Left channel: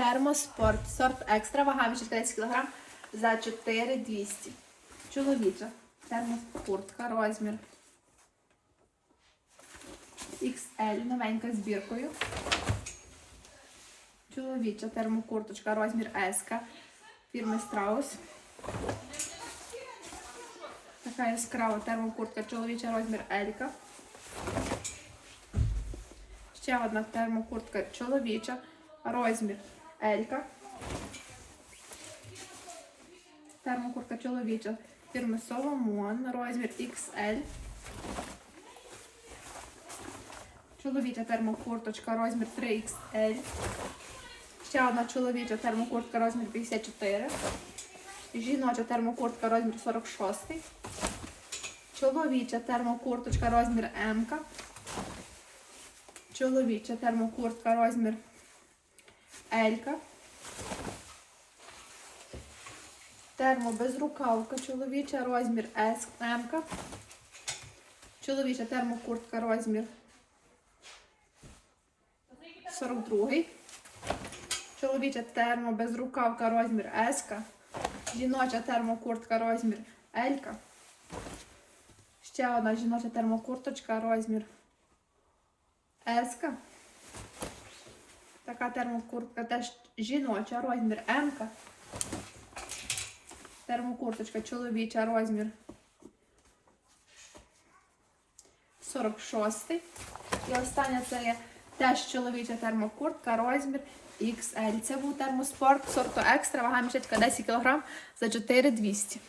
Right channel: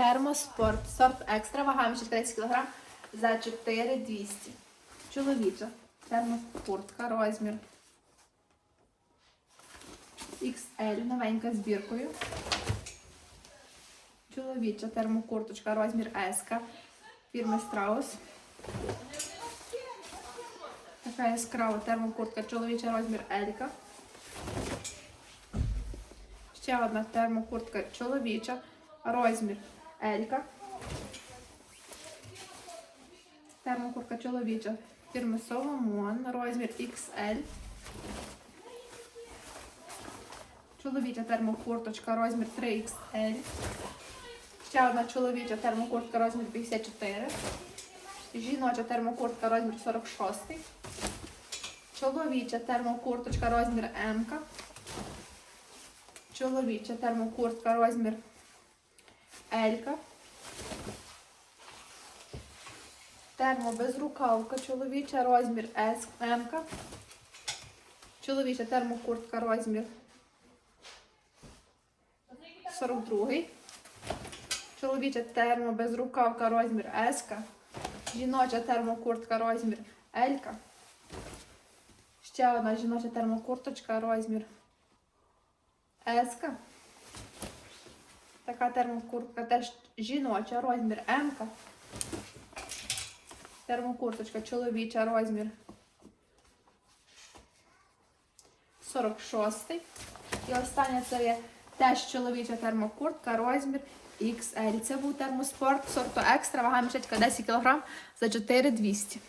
Термоспорт, сорт екстра, вага між 30 кг за 4200. Чоловіча. Термокуртка, розмір. XL, новенька збіркою. Чоловіча. Термокурточка, розмір S, фірми Страус. Така яскрава термокуртка, чоловіча. Розмір L. Ще одна термокуртка чоловіча, розмір L. Термокуртка чоловіча фірми Solomon, розмір XL. Чоловіча термокурточка, розмір 3XL. Ще одна чоловіча термокуртка, розмір 54. Жіноча термокуртка, розмір 46. Чоловіча термокурточка, розмір М. Чоловіча термокуртка, розмір L. Термобезрукавка, чоловіча, розмір S, М. Чоловіча термокуртка, розмір 42. Чоловіча термобезрукавка, розмір S. Жіноча термокуртка, розмір L. Ще одна жіноча термокурточка, розмір S. Така термокуртка теж жіноча, розмір М. Термокурточка чоловіча, розмір 46. І остання це є теж чоловіча термокуртка, розмір XL. Це був термоспорт сорту екстра, вага мішечка 10 кг за 4200.